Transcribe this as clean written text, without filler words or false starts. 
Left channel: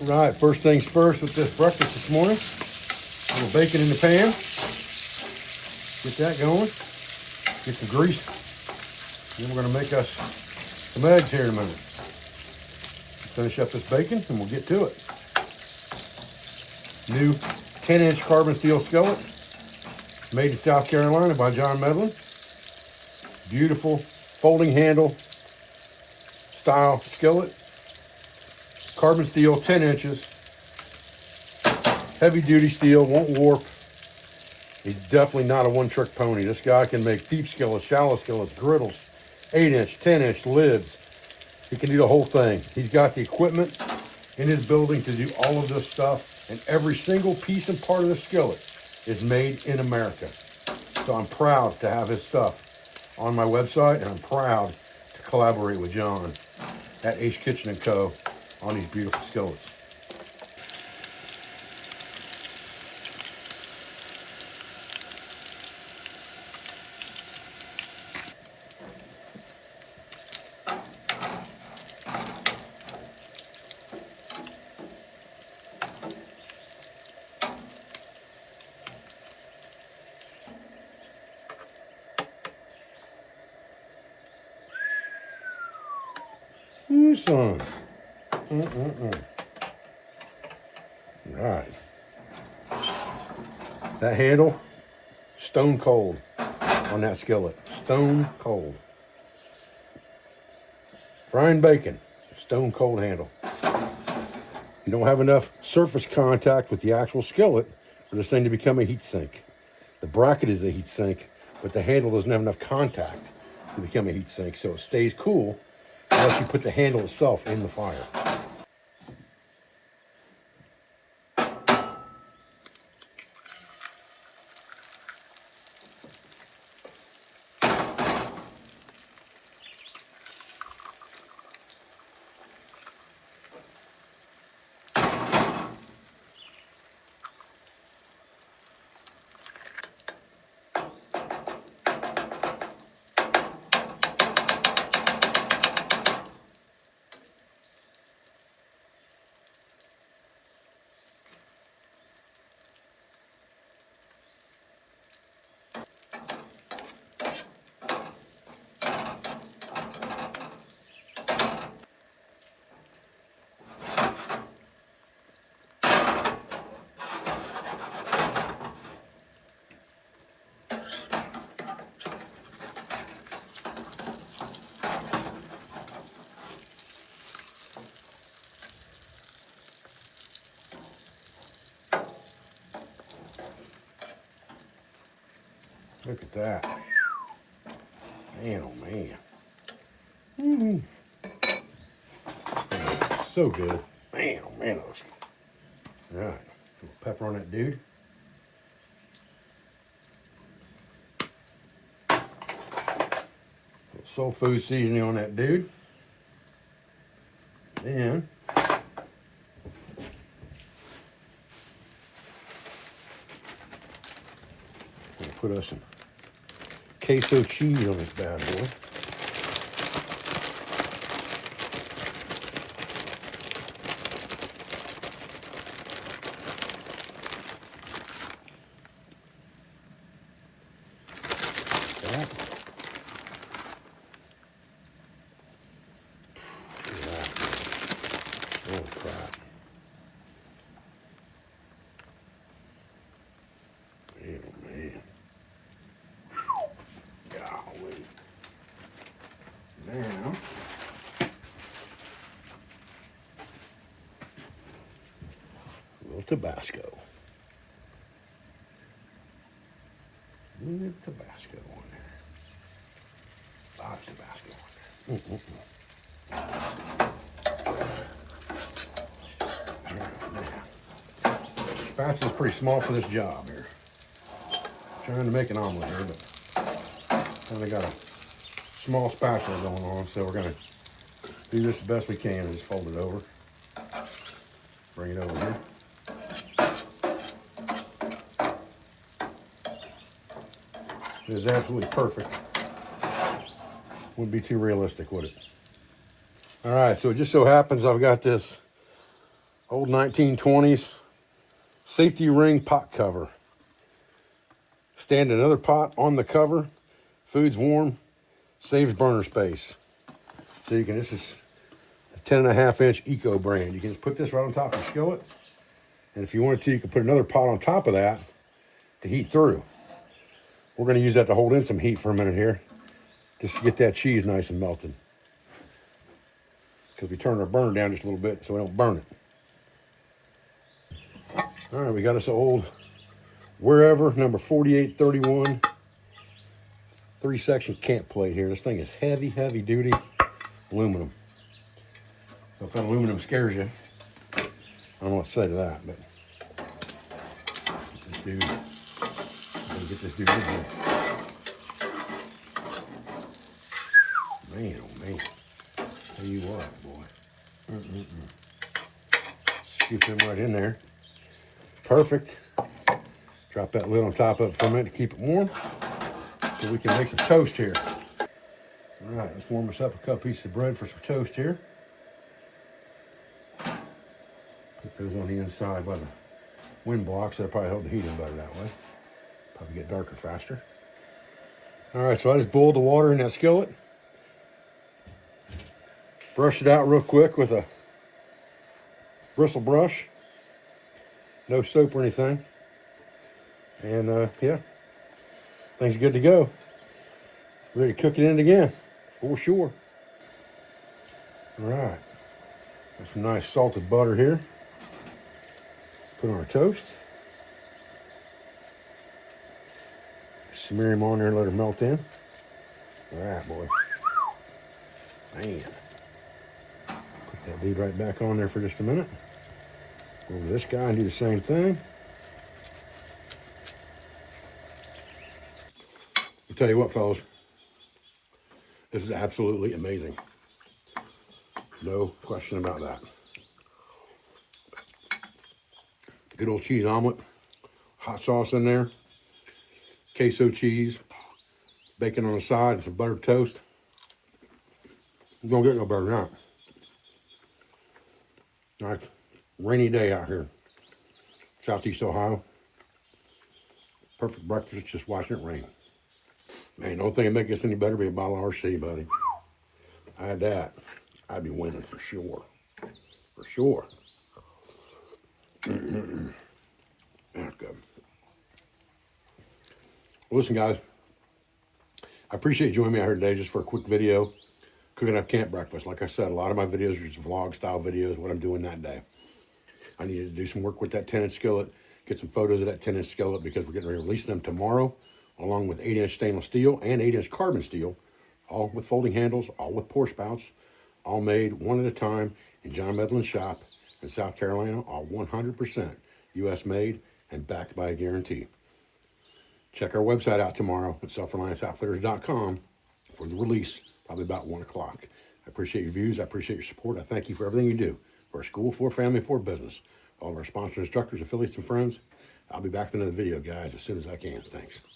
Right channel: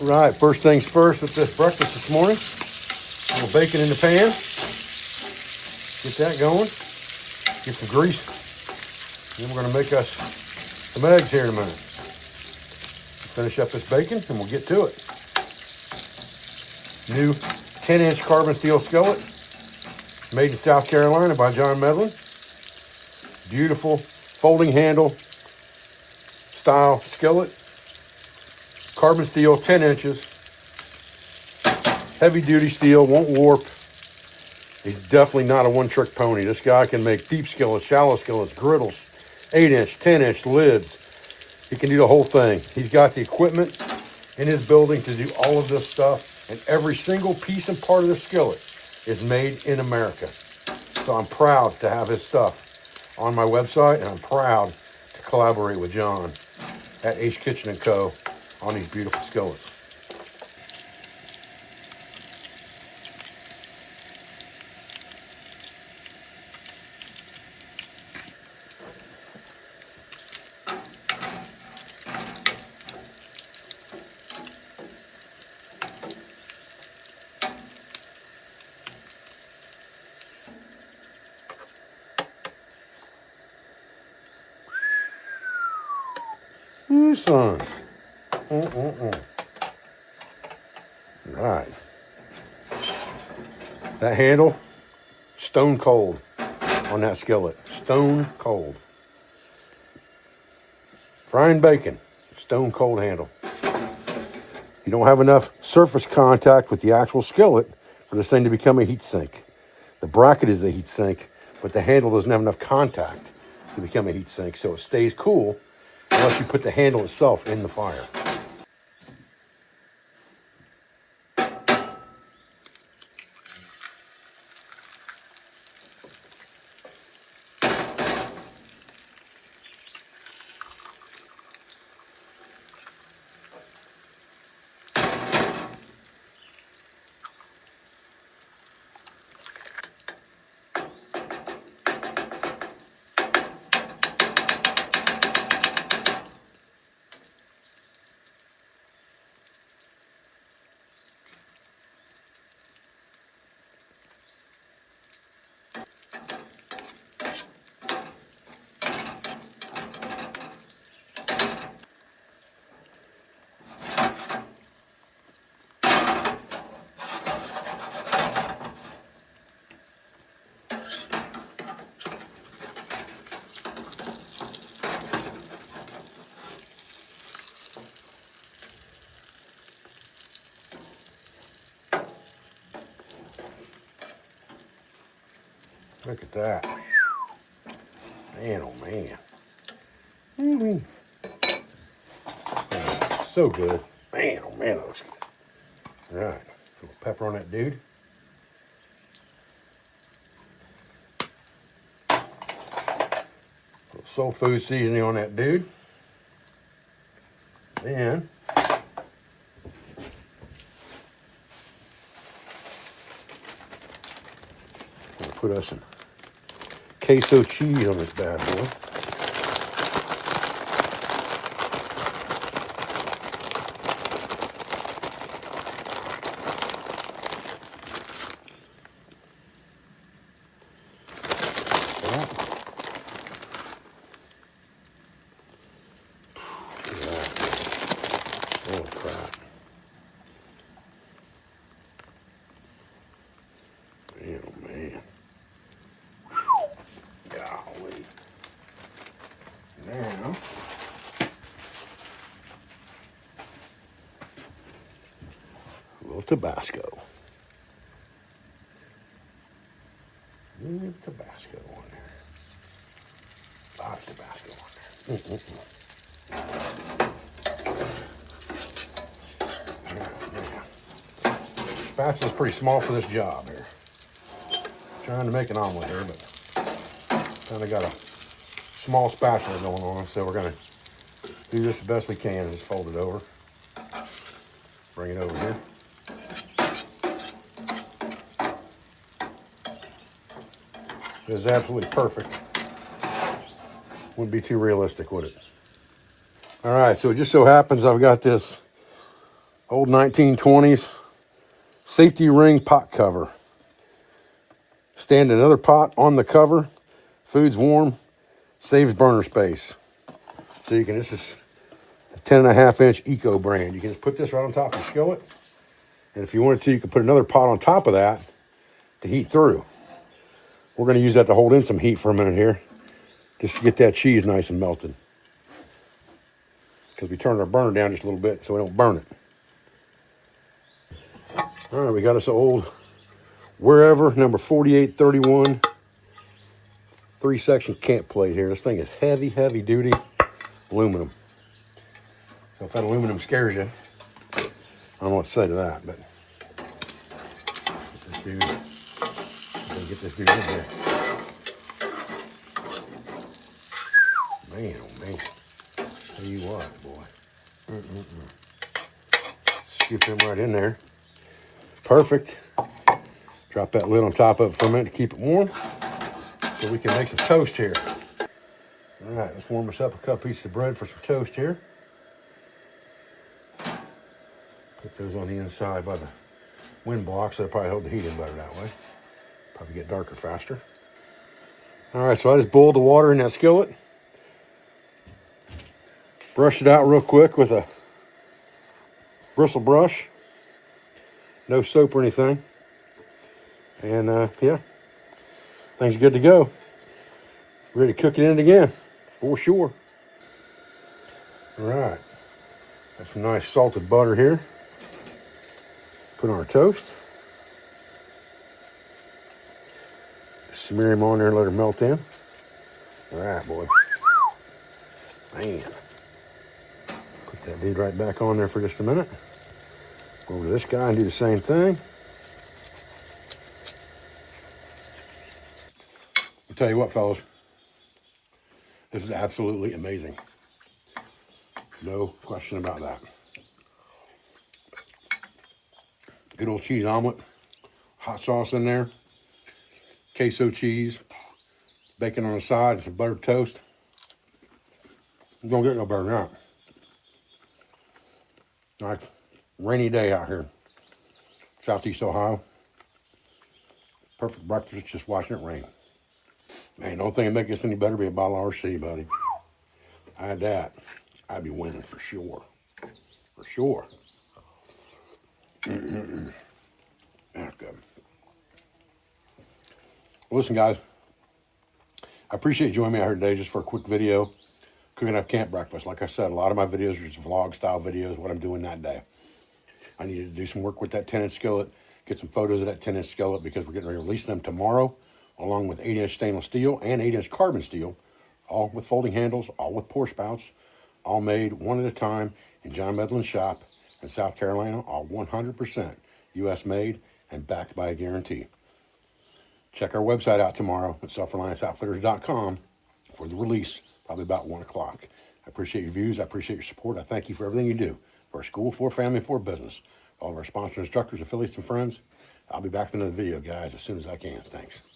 Right, first things first with this breakfast this morning. A little bacon in the pan. Get that going. Get the grease. Then we're going to make us some eggs here in a minute. Finish up this bacon and we'll get to it. New 10-inch carbon steel skillet. Made in South Carolina by John Medlin. Beautiful folding handle style skillet. Carbon steel, 10 inches. Heavy duty steel, won't warp. He's definitely not a one-trick pony. This guy can make deep skillets, shallow skillets, griddles, 8-inch, 10-inch lids. He can do the whole thing. He's got the equipment in his building to do all of this stuff, and every single piece and part of the skillet is made in America. So I'm proud to have his stuff on my website, and I'm proud to collaborate with John at Ace Kitchen & Co. on these beautiful skillets. Ooh, son. Right. That handle, stone cold on that skillet. Stone cold. Frying bacon, stone cold handle. You don't have enough surface contact with the actual skillet for this thing to become a heat sink. The bracket is a heat sink, but the handle doesn't have enough contact to become a heat sink, so it stays cool unless you put the handle itself in the fire. Look at that. Man, oh man. So good. Man, oh man, that looks good. All right, a little pepper on that dude. A little soul food seasoning on that dude. Then we'll put us some queso cheese on this bad boy. Oh, crap. Man, oh man. Golly. Now, a little Tabasco. A little Tabasco on there. Lots of Tabasco on there. Spatula's pretty small for this job here. Trying to make an omelet here, but kind of got a small spatula going on, so we're going to do this the best we can and just fold it over. Bring it over here. It is absolutely perfect. Wouldn't be too realistic, would it? All right, so it just so happens I've got this Old 1920s safety ring pot cover. Stand another pot on the cover. Food's warm. Saves burner space. So you can, this is a 10.5-inch Eco brand. You can just put this right on top of the skillet. And if you wanted to, you could put another pot on top of that to heat through. We're going to use that to hold in some heat for a minute here, just to get that cheese nice and melted. Because we turned our burner down just a little bit so we don't burn it. All right, we got this old Wherever number 4831 3-section camp plate here. This thing is heavy, heavy duty aluminum. So if that aluminum scares you, I don't know what to say to that, but get this dude in here. Man, oh man. Tell you what, boy. Scoop them right in there. Perfect. Drop that lid on top of it for a minute to keep it warm so we can make some toast here. All right, let's warm us up a couple pieces of bread for some toast here. Put those on the inside by the wind block, so they'll probably hold the heat in better that way. Probably get darker faster. All right, so I just boiled the water in that skillet. Brushed it out real quick with a bristle brush. No soap or anything. And yeah, things are good to go. Ready to cook it in again, for sure. All right, got some nice salted butter here. Put on our toast. Smear them on there and let them melt in. All right, boy. Man. Put that dude right back on there for just a minute. Go over to this guy and do the same thing. I'll tell you what, fellas. This is absolutely amazing. No question about that. Good old cheese omelet. Hot sauce in there. Queso cheese. Bacon on the side and some buttered toast. You don't get no better than that. Nice rainy day out here. Southeast Ohio. Perfect breakfast, just watching it rain. Man, the only thing that make this any better be a bottle of RC, buddy. I had that. I'd be winning for sure. For sure. That's good. Well, listen, guys. I appreciate you joining me out here today just for a quick video. Cooking up camp breakfast. Like I said, a lot of my videos are just vlog style videos, what I'm doing that day. I needed to do some work with that 10-inch skillet, get some photos of that 10-inch skillet because we're getting ready to release them tomorrow, along with 8-inch stainless steel and 8-inch carbon steel, all with folding handles, all with pour spouts, all made one at a time in John Medlin's shop in South Carolina, all 100% U.S. made and backed by a guarantee. Check our website out tomorrow at selfrelianceoutfitters.com for the release, probably about 1 o'clock. I appreciate your views. I appreciate your support. I thank you for everything you do for our school, for family, for business. All of our sponsors, instructors, affiliates, and friends. I'll be back with another video, guys, as soon as I can. Thanks.